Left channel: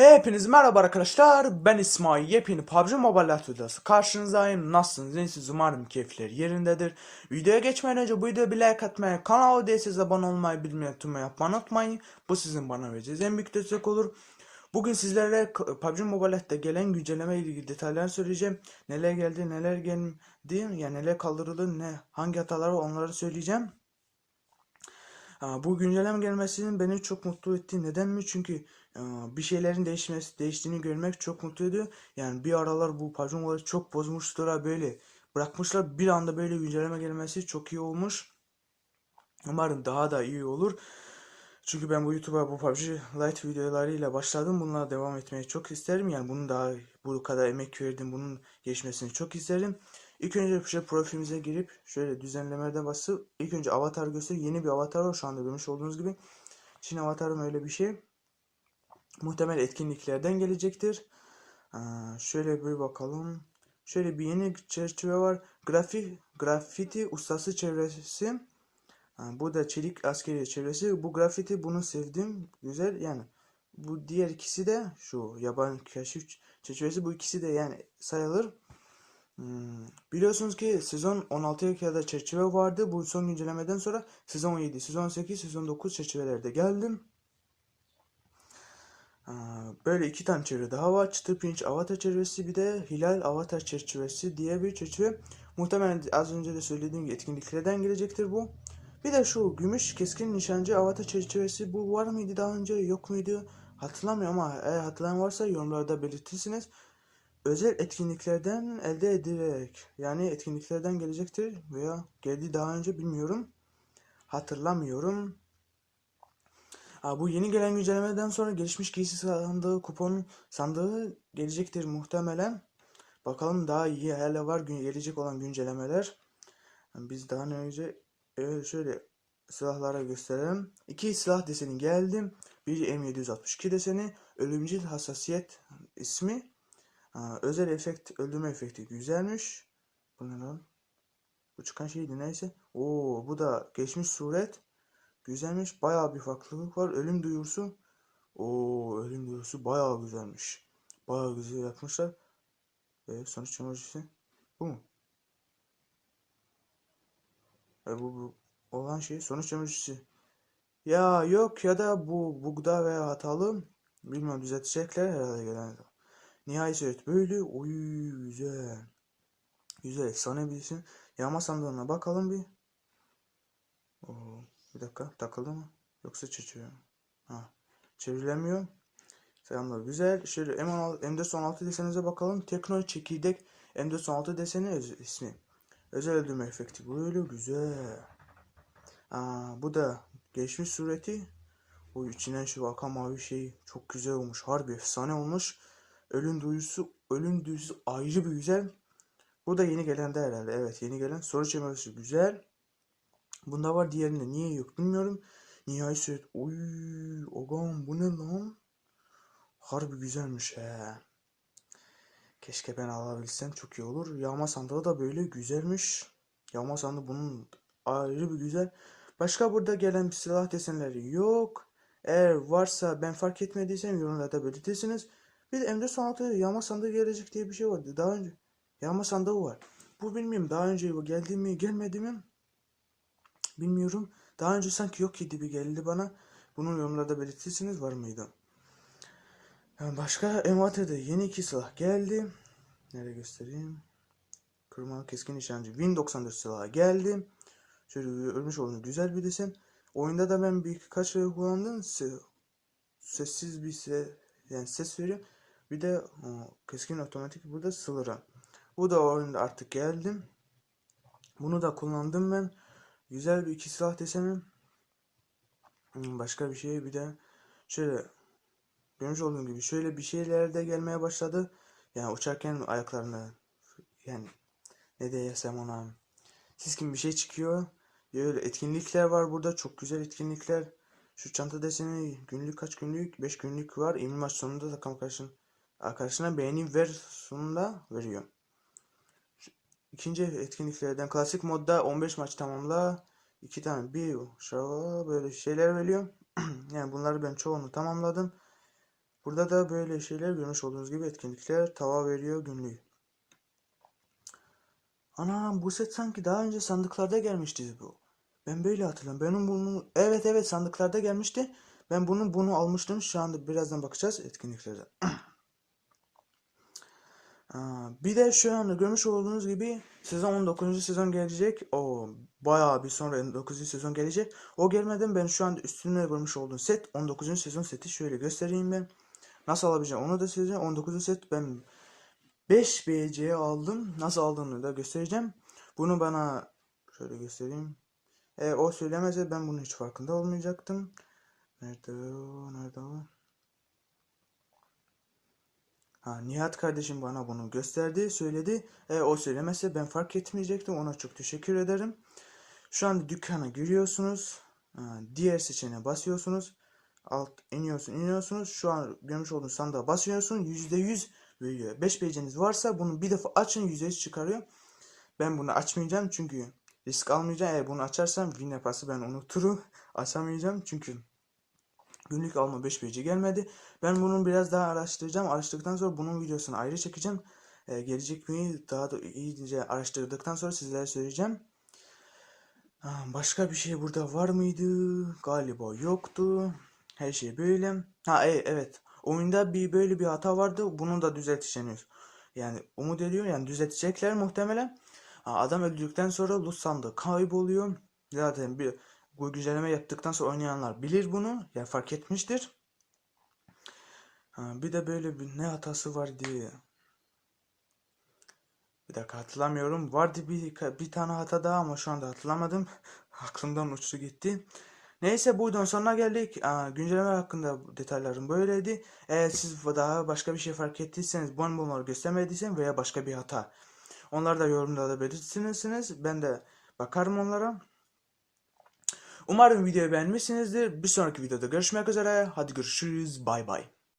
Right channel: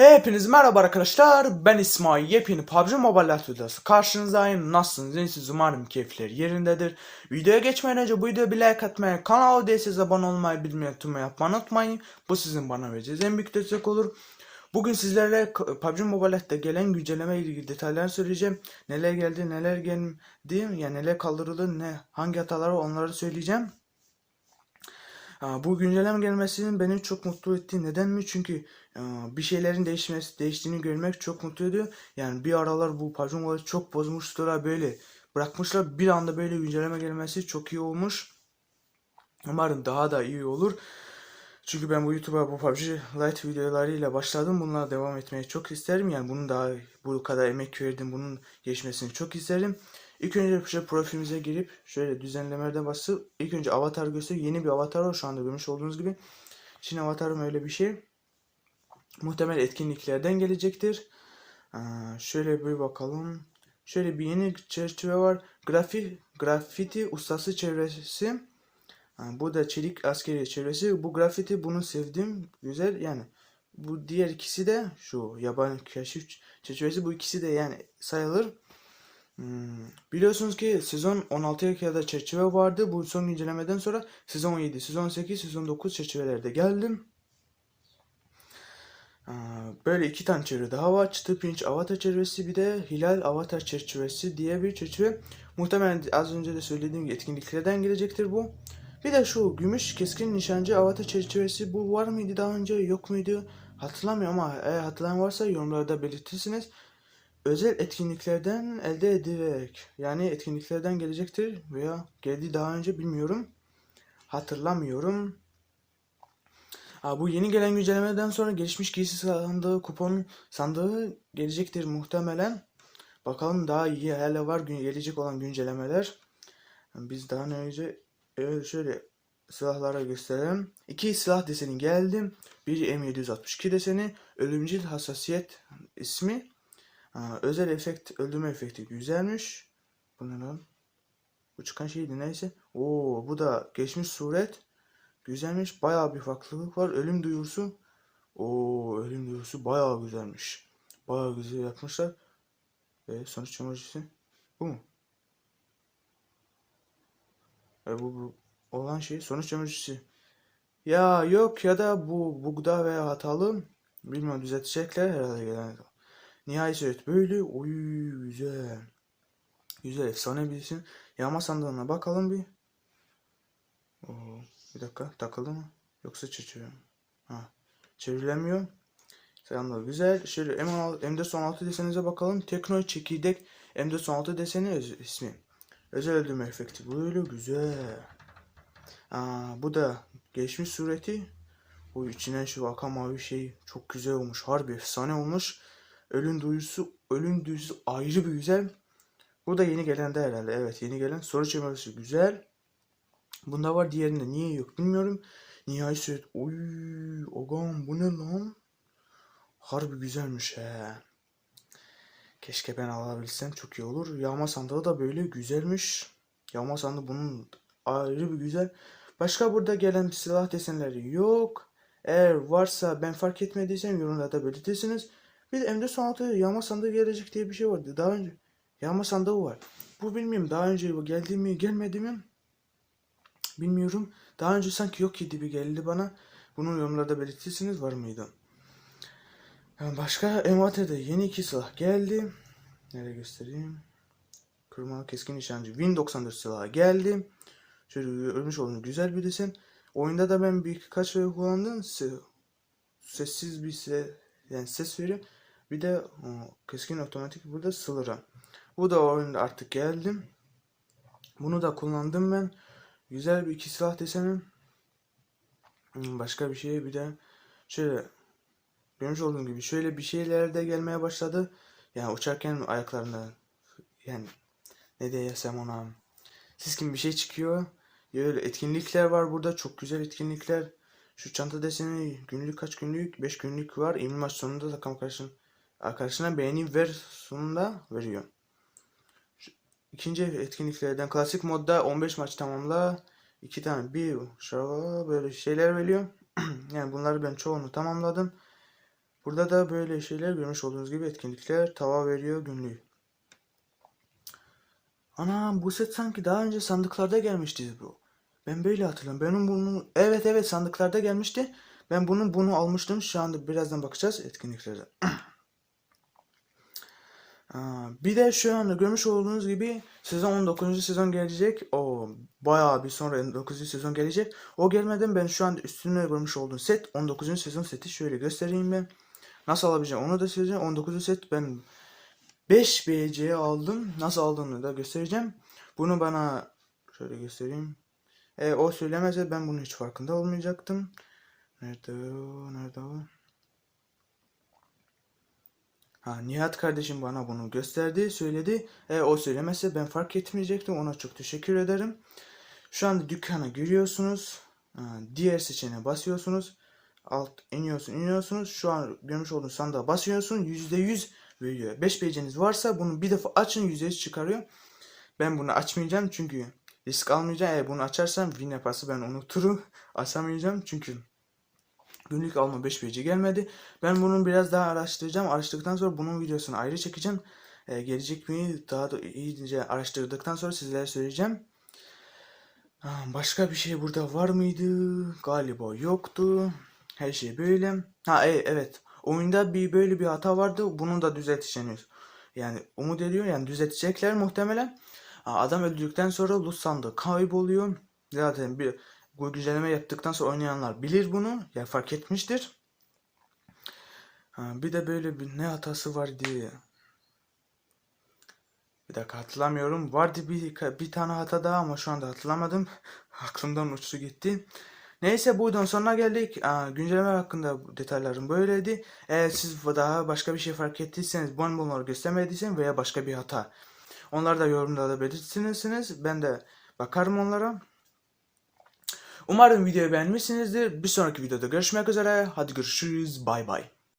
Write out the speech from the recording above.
Hepiniz merhaba arkadaşlar. Ben İsmail. Yepyeni PUBG Mobile videosu. Karşınızdayım. Nasılsınız? İyisiniz? Umarım keyifler yerindedir. Videoya geçmeden önce bu videoya bir like atmayı, kanala değilseniz abone olmayı, bilmeyen tüm yapmayı unutmayın. Bu sizin bana vereceğiniz en büyük destek olur. Bugün sizlerle K- PUBG Mobile'de gelen güncelleme ilgili detaylar söyleyeceğim. Neler geldi, neler geldi, yani neler kaldırıldı, ne hangi hatalar var onları söyleyeceğim. Bu güncelleme gelmesinin beni çok mutlu etti. Neden mi? Çünkü bir şeylerin değişmesi, değiştiğini görmek çok mutlu ediyor. Yani bir aralar bu Mobile çok bozmuşlar böyle bırakmışlar. Bir anda böyle güncelleme gelmesi çok iyi olmuş. Umarım daha da iyi olur. Çünkü ben bu YouTube'a bu PUBG Lite videolarıyla başladım. Bunlara devam etmeyi çok isterim. Yani bunun daha bu kadar emek verdim. Bunun geçmesini çok isterim. İlk önce şöyle profilimize girip şöyle düzenlemelerde basıp ilk önce avatar göster. Yeni bir avatar var şu anda görmüş olduğunuz gibi. Şimdi avatarım öyle bir şey. Muhtemel etkinliklerden gelecektir. Aa, şöyle bir bakalım. Şöyle bir yeni çerçeve var. Grafik, grafiti ustası çevresi. Aa, bu da çelik askeri çevresi. Bu grafiti bunu sevdim. Güzel yani. Bu diğer ikisi de şu yabancı keşif çerçevesi. Bu ikisi de yani sayılır. Hmm, Biliyorsunuz ki sezon 16'ya kadar çerçeve vardı. Bu son güncellemeden sonra sezon 17, sezon 8, sezon 9 çerçevelerde geldim. Aa, Böyle iki tane çerçeve daha var. Çıtı pirinç avatar çerçevesi bir de hilal avatar çerçevesi diye bir çerçeve. Muhtemelen az önce de söylediğim gibi etkinliklerden gelecektir bu. Bir de şu gümüş keskin nişancı avatar çerçevesi bu var mıydı daha önce yok muydu hatırlamıyorum ama eğer hatırlayan varsa yorumlarda belirtirsiniz. Özel etkinliklerden elde edilerek yani etkinliklerden gelecektir veya geldi daha önce bilmiyorum. Hatırlamıyorum. Ha, bu yeni gelen güncellemeden sonra gelişmiş giysi sandığı, kupon sandığı gelecektir muhtemelen. Bakalım daha iyi hala var gün gelecek olan güncellemeler. Biz daha önce evet, şöyle silahlara gösterelim. İki silah deseni geldi. Bir M762 deseni, ölümcül hassasiyet ismi. Özel efekt, öldürme efekti güzelmiş. Bu ne lan? Bu çıkan şeydi neyse. Oo, bu da geçmiş suret. Güzelmiş. Bayağı bir farklılık var. Ölüm duyurusu. Oo, ölüm duyurusu bayağı güzelmiş. Bayağı güzel yapmışlar. Ve sonuç emojisi bu mu? E, bu, bu olan şey sonuç emojisi. Ya yok ya da bu bugda veya hatalı. Bilmiyorum düzeltecekler herhalde gelen. Nihai suret böyle. Oy güzel. Güzel efsane bilsin. Yağma sandığına bakalım bir. Oo, bir dakika takıldı mı? Yoksa çeçiyor. Ha, çeviremiyor. Selamlar güzel. Şöyle M16, M416 desenize bakalım. Tekno çekirdek M416 deseni ismi. Özel öldürme efekti. Böyle güzel. Aa, bu da geçmiş sureti. Bu içinden şu akan mavi şey çok güzel olmuş. Harbi efsane olmuş. Ölüm duyusu, ölüm duyusu ayrı bir güzel. Bu da yeni gelen de herhalde. Evet yeni gelen. Soru çevirmesi güzel. Bunda var diğerinde niye yok bilmiyorum. Nihai suret. Oy, ogam bu ne lan? Harbi güzelmiş he. Keşke ben alabilsem çok iyi olur. Yağma sandığı da böyle güzelmiş. Yağma sandığı bunun ayrı bir güzel. Başka burada gelen silah desenleri yok. Eğer varsa ben fark etmediysem yorumlarda belirtirsiniz. Bir de M416 yağma sandığı gelecek diye bir şey vardı. Daha önce yağma sandığı var. Bu bilmiyorum daha önce bu geldi mi gelmedi mi? Bilmiyorum. Daha önce sanki yok gibi geldi bana. Bunun yorumlarda belirtirsiniz var mıydı? Başka envanterde yeni iki silah geldi. Nereye göstereyim? Kırmalı keskin nişancı Win 94 silahı geldi. Şöyle ölmüş olduğunu güzel bir desen. Oyunda da ben birkaç kere kullandım. Se- sessiz bir se yani ses veriyor. Bir de keskin otomatik burada sılırı. Bu da oyunda artık geldim. Bunu da kullandım ben. Güzel bir iki silah desenim. Hmm, Başka bir şey bir de şöyle görmüş olduğum gibi şöyle bir şeyler de gelmeye başladı. Yani uçarken ayaklarına yani ne diyesem ona siz bir şey çıkıyor. Böyle etkinlikler var burada. Çok güzel etkinlikler. Şu çanta deseni günlük kaç günlük? 5 günlük var. Emin maç sonunda takım arkadaşın arkadaşına beğeni ver sonunda veriyor. İkinci etkinliklerden klasik modda 15 maç tamamla. iki tane bir şava böyle şeyler veriyor. yani bunları ben çoğunu tamamladım. Burada da böyle şeyler görmüş olduğunuz gibi etkinlikler tava veriyor günlüğü. Anam bu set sanki daha önce sandıklarda gelmişti bu. Ben böyle hatırlıyorum. Benim bunu evet evet sandıklarda gelmişti. Ben bunun bunu almıştım. Şu anda birazdan bakacağız etkinliklere. Bir de şu anda görmüş olduğunuz gibi sezon 19. sezon gelecek. O bayağı bir sonra 19. sezon gelecek. O gelmeden ben şu anda üstünde görmüş olduğum set 19. sezon seti şöyle göstereyim ben. Nasıl alabileceğim onu da söyleyeceğim. 19. set ben 5 BC'ye aldım. Nasıl aldığımı da göstereceğim. Bunu bana şöyle göstereyim. E, o söylemese ben bunun hiç farkında olmayacaktım. Nerede o? Nerede o? Ha, Nihat kardeşim bana bunu gösterdi, söyledi. E, o söylemese ben fark etmeyecektim. Ona çok teşekkür ederim. Şu anda dükkana giriyorsunuz. Diğer seçeneğe basıyorsunuz. Alt iniyorsun, iniyorsunuz. Şu an görmüş olduğunuz sandığa basıyorsun. %100 veriyor. 5 beceniz varsa bunu bir defa açın %100 çıkarıyor. Ben bunu açmayacağım çünkü risk almayacağım. Eğer bunu açarsam win yaparsa ben unuturum. Açamayacağım çünkü günlük alma 5 BC gelmedi. Ben bunu biraz daha araştıracağım. Araştırdıktan sonra bunun videosunu ayrı çekeceğim. Ee, gelecek mi daha da iyice araştırdıktan sonra sizlere söyleyeceğim. Ha, Başka bir şey burada var mıydı? Galiba yoktu. Her şey böyle. Ha e, evet. Oyunda bir böyle bir hata vardı. Bunun da düzelteceğini yani umut ediyor. Yani düzeltecekler muhtemelen. Ha, Adam öldürdükten sonra loot sandığı kayboluyor. Zaten bir bu güncelleme yaptıktan sonra oynayanlar bilir bunu. Yani fark etmiştir. Bir de böyle bir ne hatası vardı. Bir dakika hatırlamıyorum. Vardı bir, bir tane hata daha ama şu anda hatırlamadım. Aklımdan uçtu gitti. Neyse buradan sonuna geldik. Aa, güncelleme hakkında detaylarım böyleydi. Eğer siz daha başka bir şey fark ettiyseniz, bon bunları göstermediyseniz veya başka bir hata. Onları da yorumlarda belirtirsiniz. Ben de bakarım onlara. Umarım videoyu beğenmişsinizdir. Bir sonraki videoda görüşmek üzere. Hadi görüşürüz. Bay bay.